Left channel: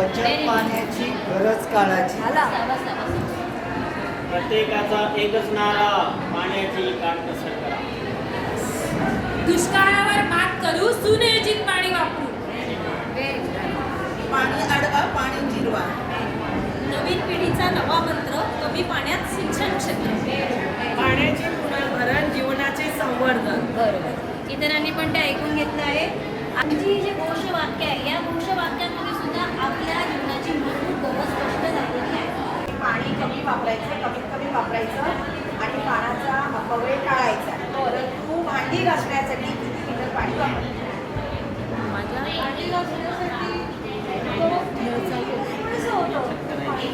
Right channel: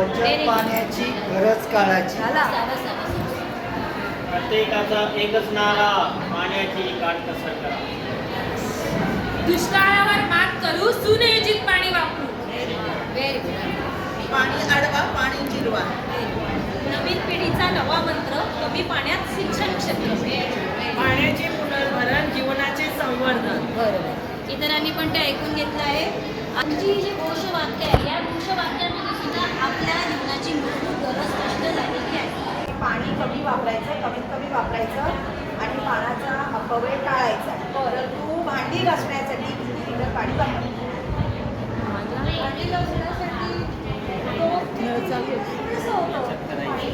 बचत पाण्याची गरज काळाची. प्रत्येकाचा एकच नारा पाण्याची काटकसर करा. दुष्काळावर मात करू सुनियोजित पाणी वापरू. पाणी अडवा पाणी जिरवा. नवीन पिढीचा नवा मंत्र कमी पाण्यात शिक्षण क्षेत्र. पाण्याचे पुनर्भरण जीवनाचे संवर्धन. इतरांनी पण ते ऐकून घेतलं आहे. आमची जी घोषवाक्य आहे या घोषवाक्यांमध्ये सुद्धा आपल्या जीवनाची मूलभूत गरज स्पष्ट झालेली आहे. पाणी कमी वापरायचं कमीत कमी वापरायचं आणि पाण्याचा अपव्यय टाळायचा. तर तू भांडी घासण्यासाठी किती लिटर पाणी वापरते भांडी घासण्यासाठी थोडंसं होतं पाणी.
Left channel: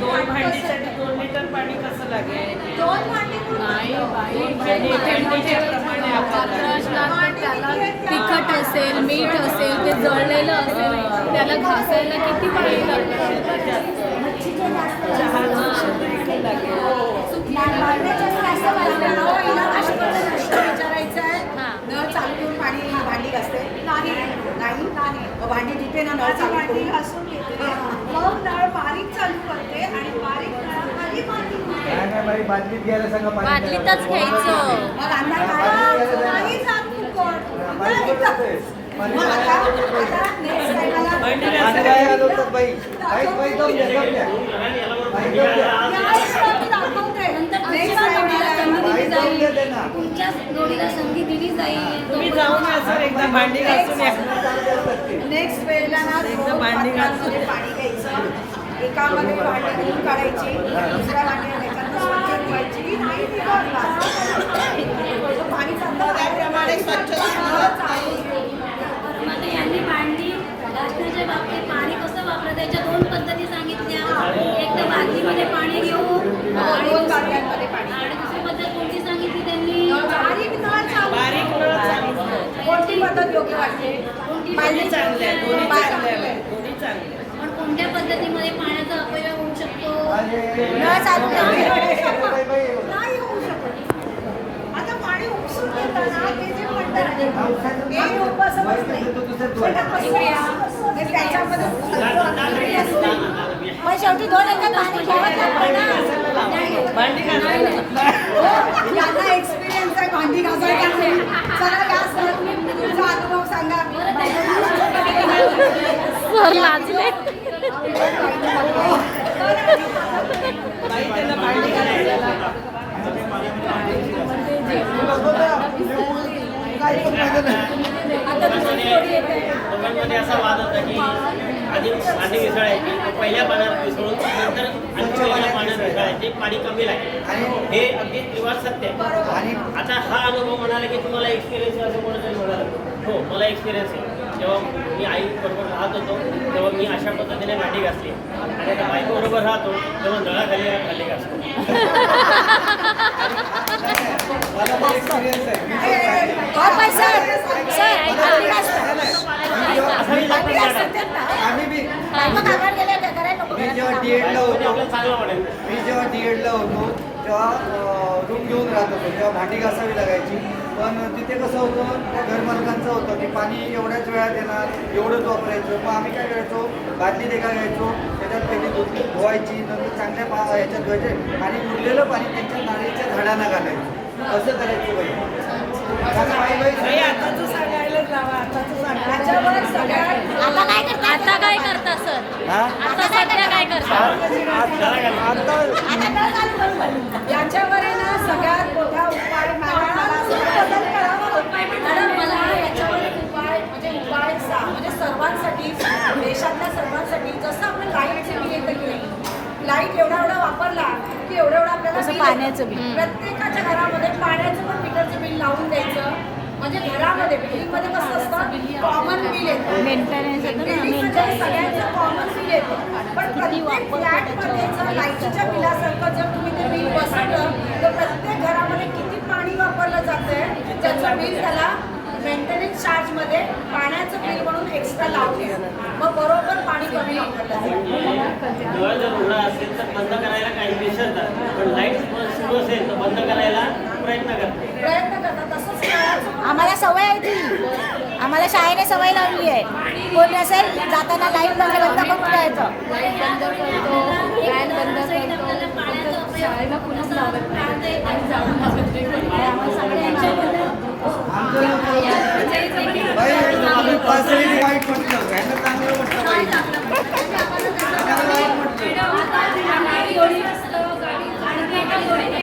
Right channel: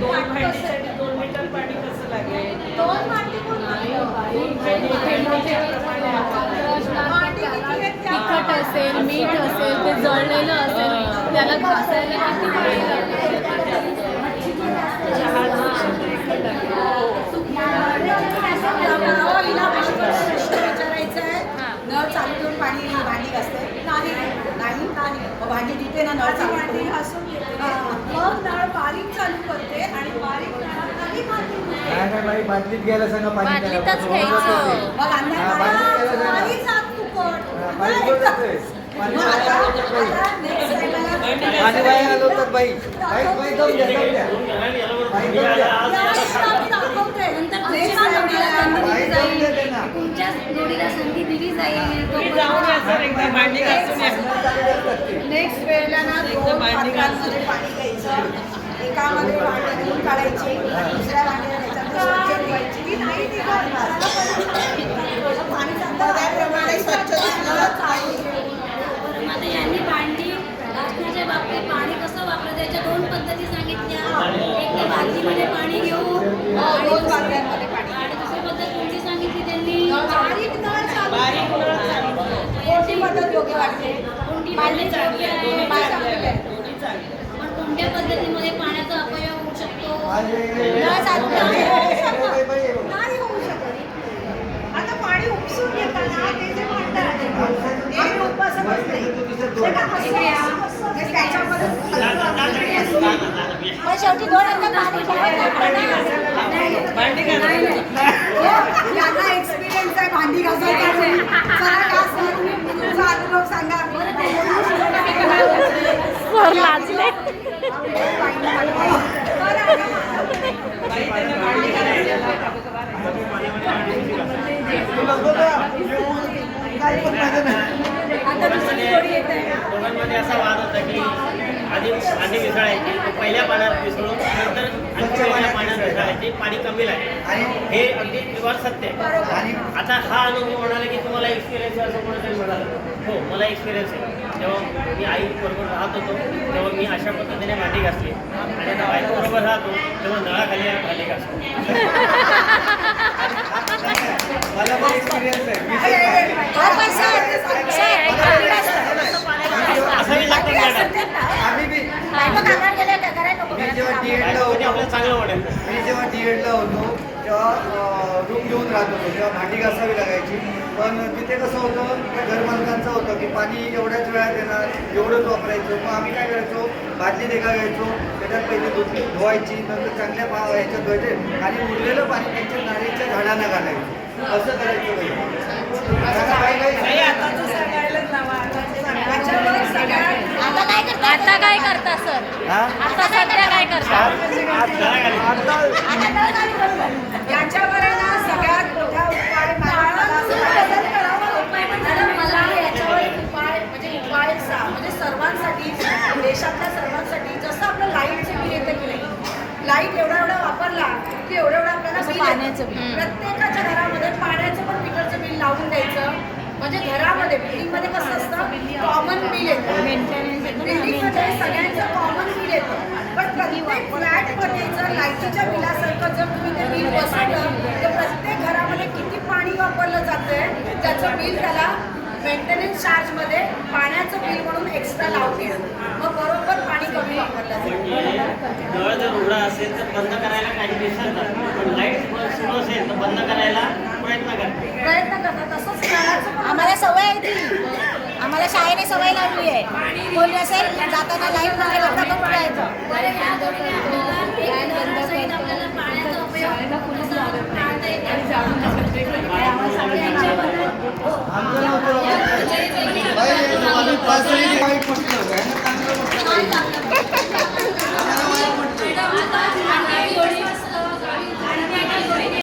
दोन भांडीसाठी दोन लिटर पाणी कसं लागेल दोन भांडी पण तिखट असेल मीठ असेल ते जळलेलं असेल त्याला घासायला किती प्रश्न विचारायचा आहे नळ चालू ठेवून पाणी भांडी घासते नाही नाही नाही मग भांडी धुते ना नळ चालू भांडी घासून घेते मग नळ बारीक चालू करते आणि बारीक नळाखाली भांडी बादलीत घ्यायला सांगा. बादलीतच. घ्यायचं मग अंदाज काय तुमच्या जोडीला संधी दिली जाईल. नेक्स्ट वेळेला ना दोन पात्रांमध्ये पाणी घ्यायचं एकामध्ये भांडी धुवून काढायची. दुसऱ्या त्याच्यात स्वच्छ नाही असं पाणी चांगलं त्याप्रमाणे स्वच्छता चालू ठेवून. आता यांनी भांडी घासण्याच्या बाबतीत पाणी कसं वापरायचं याच्या दोन पद्धती सांगितल्या. एक तर बादलीमध्ये पाणी घेऊन हो, आणि दोन पाणी. आणि दुसरी पद्धत कोणती सांगितली त्यांनी? बारीक नळ चालू. बारीक नळ चालू. आहे. कोणती पद्धत योग्य वाटते? कोणती पद्धत चांगले आहे. पण कोणत्या पद्धतीमध्ये पाण्याचा अपयोग होऊ शकतो? बाई. नाही होऊ शकत. आता पाणी उपसून घेताना ते जे म्हणतात बाई, नाही. त्याच्यामध्ये शेवटी दोन अंगात पाणी ठेवायचं भांडी घासून हो, यांना एक्सपिरियन्स आहे भांडी घासायचा चला या सर तुमचा अनुभव सांगा सर लाजले काही पण माहिती नाही. दोघांमध्ये असा वाद होता की आधी भांडी मिसळायची पहिल्या पाण्यात मिसळून नंतर आणखी वेगळ्या पाण्यात मिसळायची पाणी कमी लागेल. आणि हे अगदी निवार सत्य आहे. आणि आता हा अनुभव म्हणाला की तुम्हाला एक्सपिरियन्स आहे असं कोणीतरी म्हणालं. हो मला एक्सपिरियन्स आहे. जेव्हा मी आई बरोबर राहत होतो तेव्हा मी अशा पद्धतीने भांडी घासली आणि आता बायको बरोबर राहतो तेव्हा नळाखाली भांडी घासतो मला पण एक्सपिरियन्स आहे मी जेव्हा डी एडला ते होतो मी जेव्हा डी एडला होतो तेव्हा रूम घेऊन राहत होतो तेव्हा भांडी घासावी लागायची. पण तिथे कसं होतं त्या घरमालकांचं होतं की पाणी एवढ्याच वेळात येणार एवढंच वापरायचं. मग आम्ही काय करायचो बादलीत एका घ्यायचो त्याच्यात पहिले धुतली धुवायची नंतर चांगल्या पा ह्याच्यात धुवायचे आणि उरलेलं पाणी त्यांच्या नारळीच्या झाडांना घालायचं. असं करायचं सगळ्यात आता आता काय करता सर हा? आता सध्या काय करता याच्यावर आहे ना सगळ्यात मोठा उपाय मला मला असं बदल करावा लागतो. मॅडम मला याच्यावर एक उपाय म्हणजे उपाय सा म्हणजे सर्वांसाठी देशातल्या सर्वांसाठी जसं आपलं लाईटचे बिल येतं की नाही लाइट एवढा एवढा वापरला की एवढं एवढं आपल्याला बिल. पाण्याचं बिल. प्रत्येकाच्या घरामध्ये पाण्याचं पण मीटरचं बिल लावून द्यायचं म्हणजे घरामध्ये बिल्डिंगमध्ये कसं असतं? कॉमन बिल येतं. बिल्डिंगमध्ये सगळ्यांचं कॉमन बिल येतं. पण प्रत्येक फ्लॅटमध्ये जर लाईटीच्या बिलासारखं जर तुम्ही ते बिल बसवलं तर प्रत्येक घरामध्ये किती पाणी वापरलं जातंय त्याचं बिल त्याला मेंटेनन्स चार्जमध्ये पाण्याचं बिल म्हणून एक्स्ट्रा लावून येतं. मग बरोबर पाणी कमी वापरलं नळ जर उघडा असेल तर बंद करायला काही विसरतात. पण लाइट सुरू असेल तर बंद करायला प्रयत्न करतात. प्रयत्न करतात. तसंच नळाचं आम्हाला सवय आहे ती. आम्हाला शाळेने सवय लावली आहे. बोलली असेल जाताना तर कुठे